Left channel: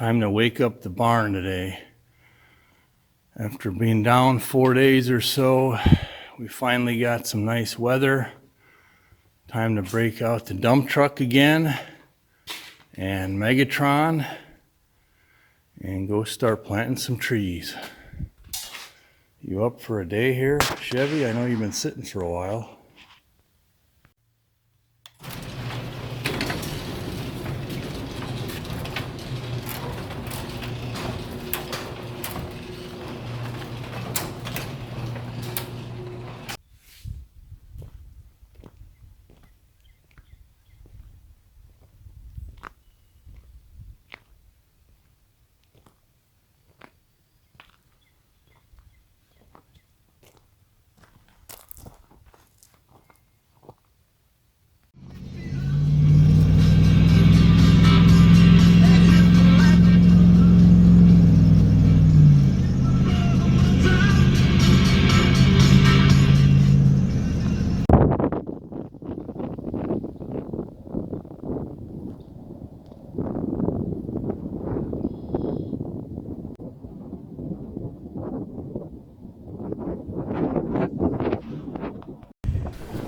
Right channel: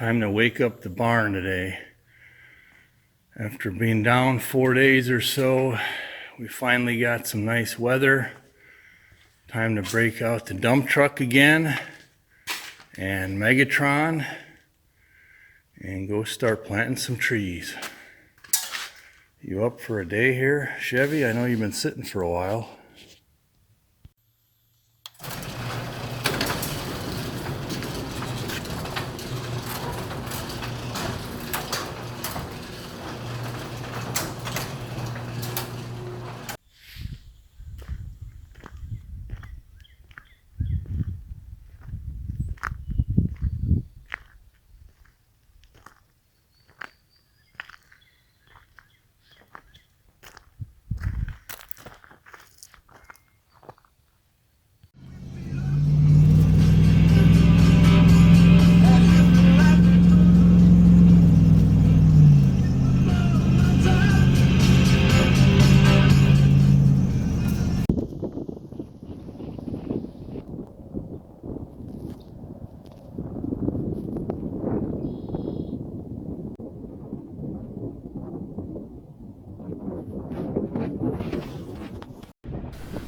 Time to wake up the barn today. After being down 4 days or so, we finally got some nice weather. Time to break out the dump truck again and Megatron and go start planting some trees. You up for a day here, Chevy? I know you've been sitting for a while.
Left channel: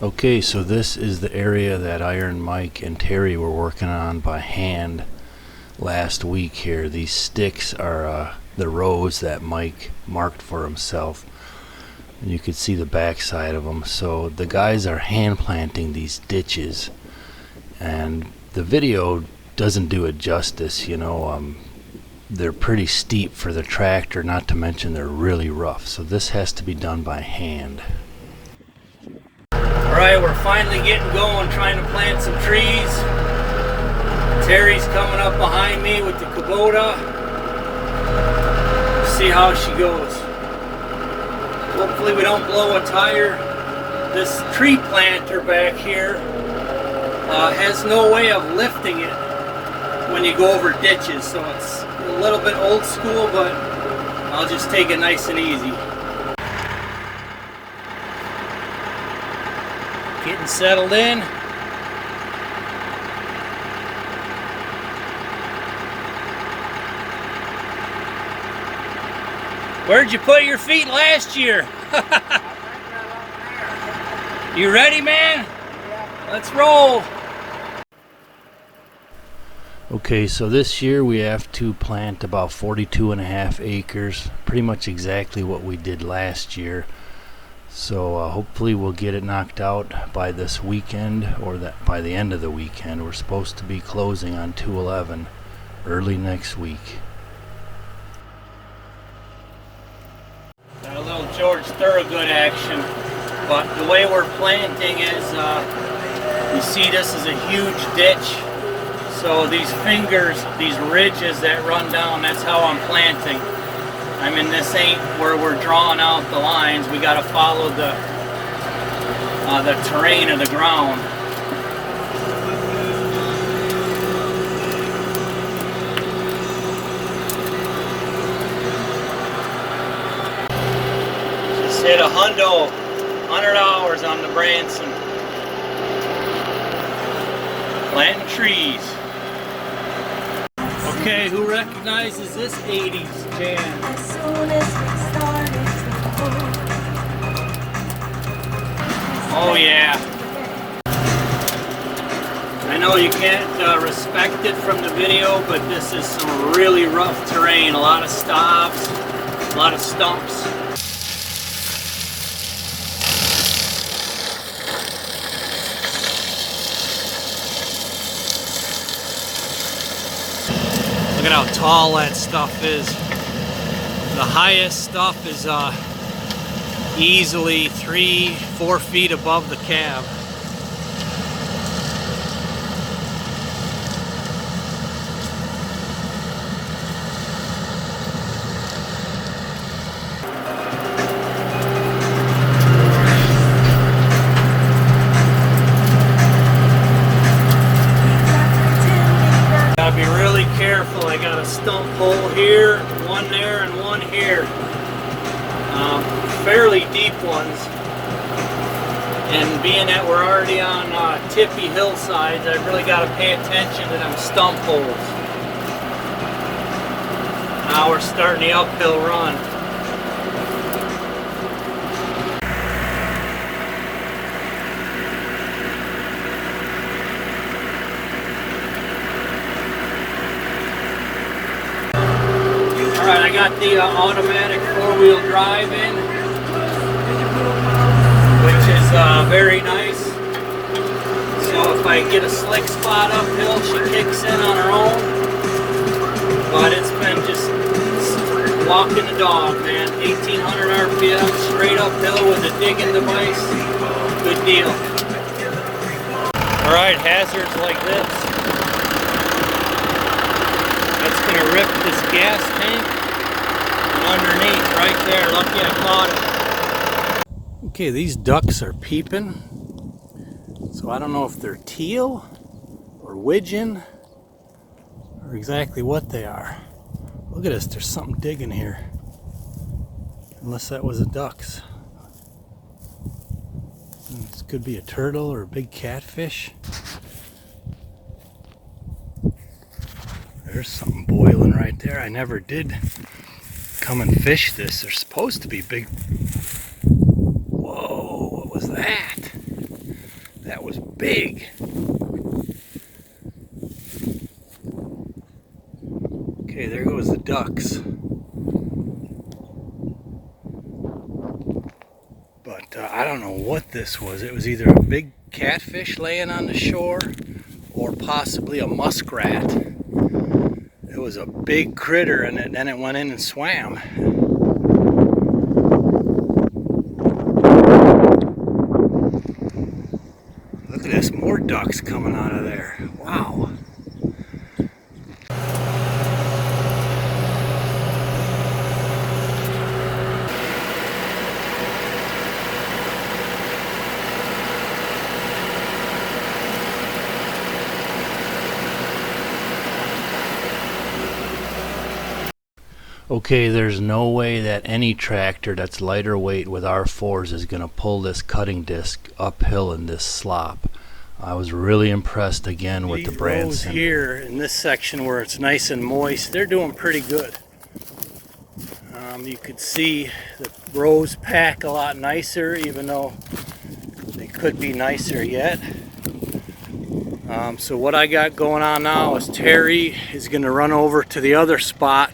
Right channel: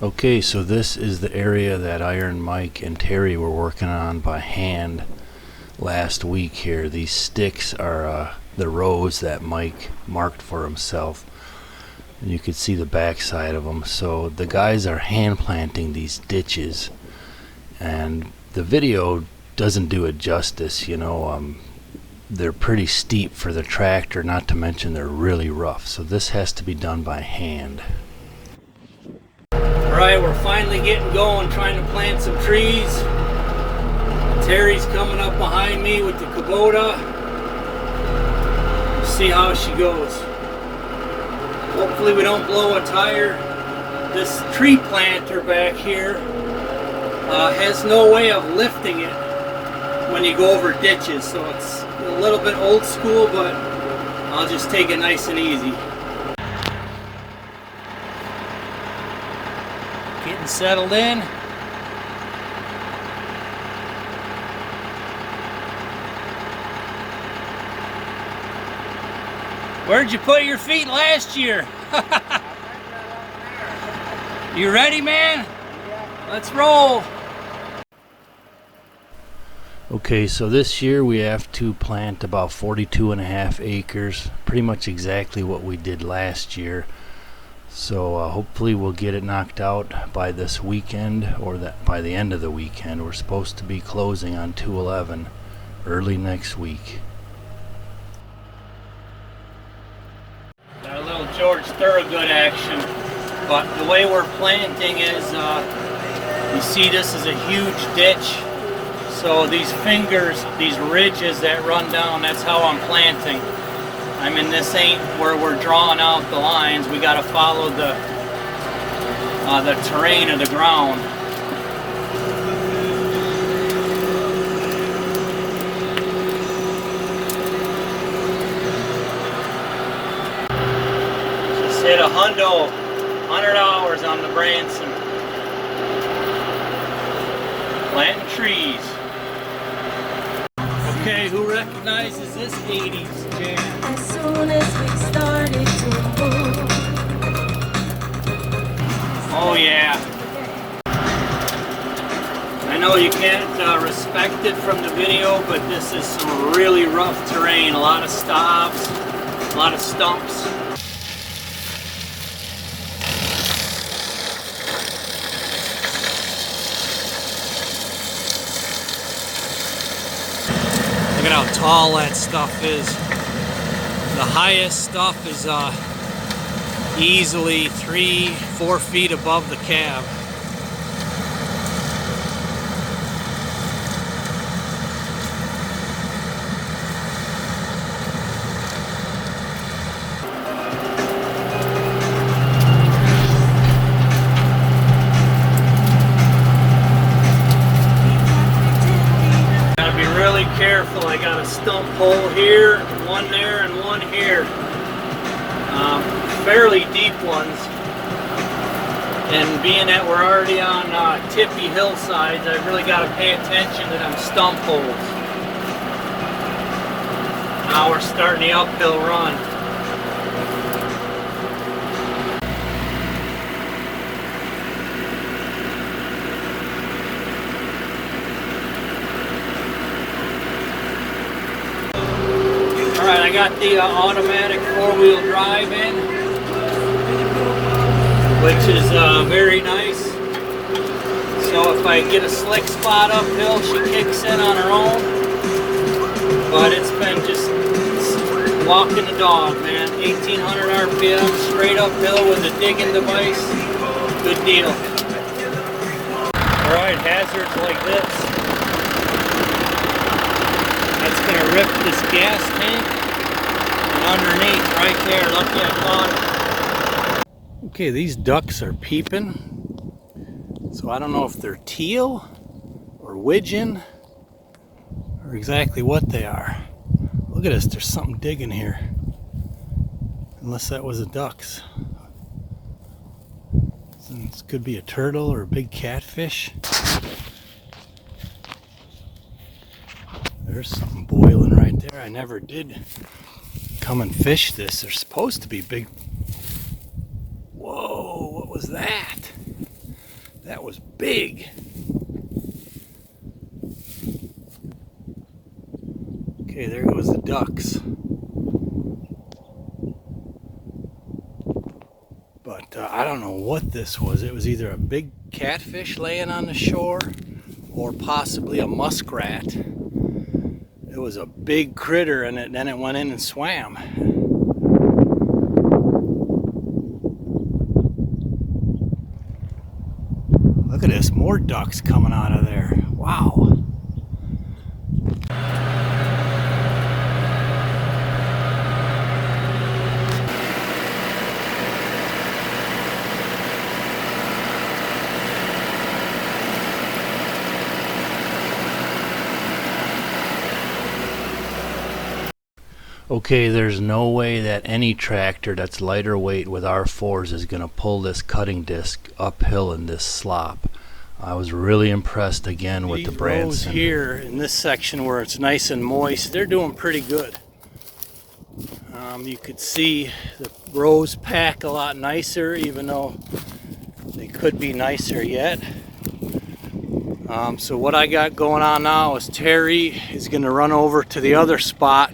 Okay, so this is the area that Iron Mike and Terry were working on by hand last week here. These sticks are the rows that Mike marked for himself, and you can see the back side of them. So the guys are hand planting these ditches, and the video doesn't do it justice, you know. They're pretty steep for the tractor, not to mention they're really rough, so this has to be done by hand. Alright, we're finally getting going, trying to plant some trees. Terry's coming up behind me with the Kubota. We'll see how she goes. Hopefully we don't blow a tire. This tree planter back here has no way of lifting it when you go over ditches, so it's a little bit old school, but I'll just take it nice and easy. Getting settled in. Where'd you put your feet last year? You ready, man? Yeah. Let's roll. Okay, so this year we have to plant about 42.5 acres, pretty much exactly what we did last year. So hopefully we'll get it knocked out by this weekend, or that by the end of the weekend. We're supposed to be closing on 2/11 early next week. Got a little George Thorogood action, but the way we're planting is, you see this is a huge ditch. So these fingers, these ridges that run down, that's how I'm planting. I mean, this ain't where we're drawing out the lines. We got to follow the terrain of the ground. Just hit 100 hours on the Branson. Planting trees. Okay, who recognizes this 80s jam? As soon as we started to move. Oh yeah. I know you can't respect it from the video, but this is some really rough terrain. A lot of stops, a lot of stumps. Look at how tall that stuff is. The highest stuff is easily 3-4 feet above the cab. Gotta be really careful. I got a stump hole here, one there, and one here. Fairly deep ones. And being that we're already on tippy hillsides, I've really got to pay attention to them stump holes. now we're starting the uphill run. Alright, I got the automatic four-wheel drive in, which is very nice. So if I get a slick spot uphill, she kicks in on her own. But it's been just walking the dog, man. 1800 RPM, straight uphill with a digging device. Good deal. Alright, hazards like this. That's going to rip this gas tank underneath right there. Lucky I caught it. Okay, these ducks are peeping. So I don't know if they're teal or widgeon or exactly what they are. Look at this, there's something digging here. Unless that was a duck's. This could be a turtle or a big catfish. There's something boiling right there. I never did come and fish this. They're supposed to be big. Whoa, what was that? That was big. Okay, there goes the ducks. But I don't know what this was. It was either a big catfish laying on the shore or possibly a muskrat. It was a big critter, and then it went in and swam. Look at this, more ducks coming out of there. Wow. Okay, there's no way that any tractor that's lighter weight with R4s is going to pull this cutting disc uphill in this slop. I was really impressed again with the Branson. Here in this section where it's nice and moist, they're doing pretty good. You could see the rows pack a lot nicer, even though they could be nicer yet. So what I got going on now is Terry is going to run over to the other spot,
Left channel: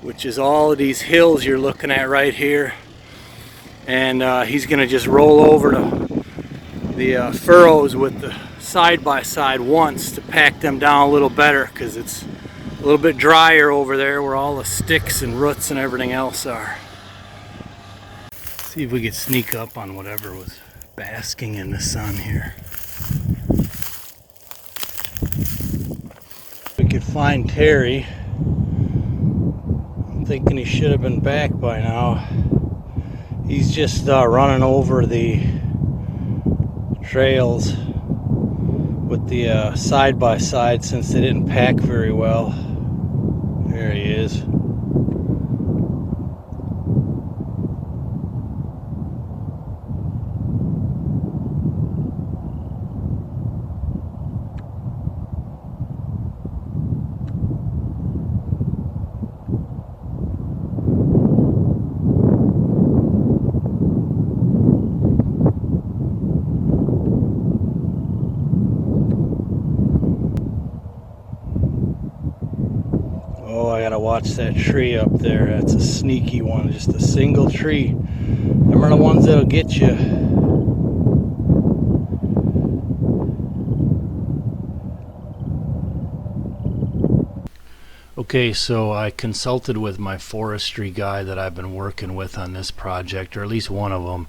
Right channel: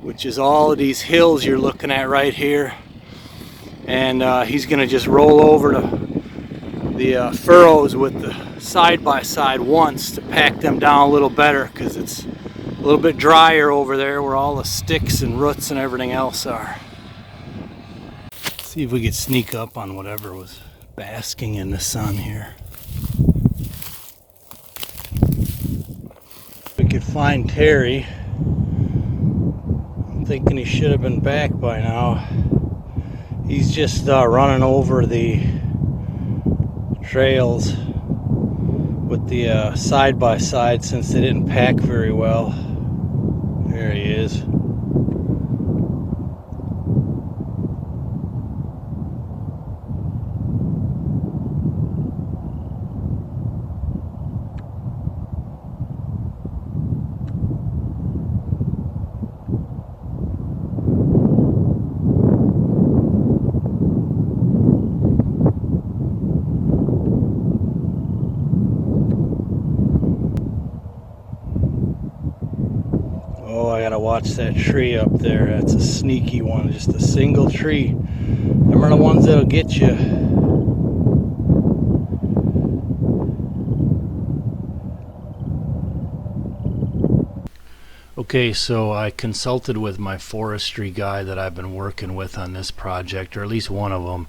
which is all of these hills you're looking at right here, and he's going to just roll over to the furrows with the side-by-side once to pack them down a little better, because it's a little bit drier over there where all the sticks and roots and everything else are. See if we could sneak up on whatever was basking in the sun here. We could find Terry. Thinking he should have been back by now. He's just running over the trails with the side-by-side since they didn't pack very well. There he is. Oh, I gotta watch that tree up there. That's a sneaky one, just a single tree. Them are the ones that'll get you. Okay, so I consulted with my forestry guy that I've been working with on this project, or at least one of them,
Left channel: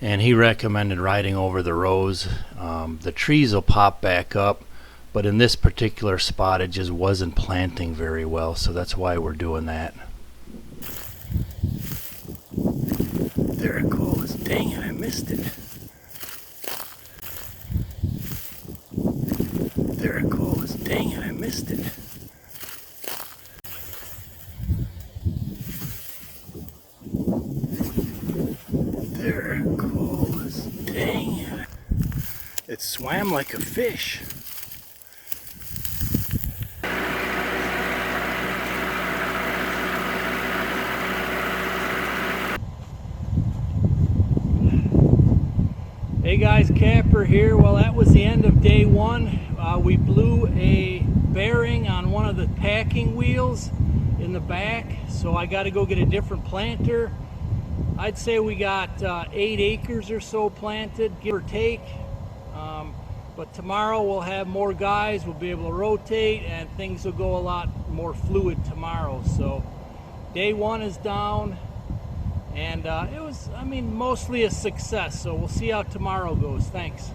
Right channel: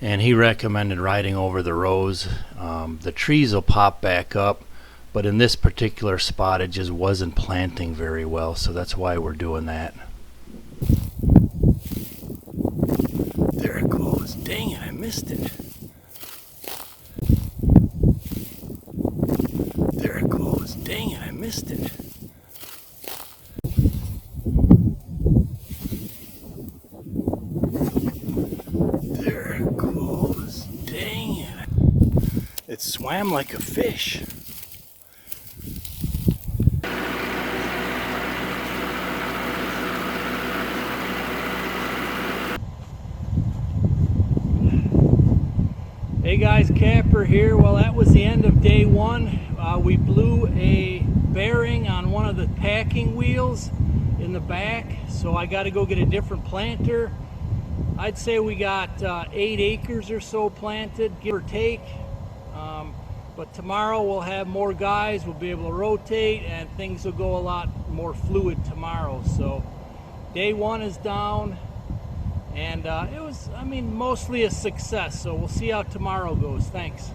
and he recommended riding over the rows. The trees will pop back up, but in this particular spot it just wasn't planting very well, so that's why we're doing that. There it goes. Dang it, I missed it. There it goes. Dang it, I missed it. There it goes. Dang it. It swam like a fish. Hey guys, Kapper here. Well, that was the end of day one. We blew a bearing on one of the packing wheels in the back, so I got to go get a different planter. I'd say we got 8 acres or so planted, give or take. But tomorrow we'll have more guys, we'll be able to rotate, and things will go a lot more fluid tomorrow. So day one is down, and it was, mostly a success. So we'll see how tomorrow goes. Thanks.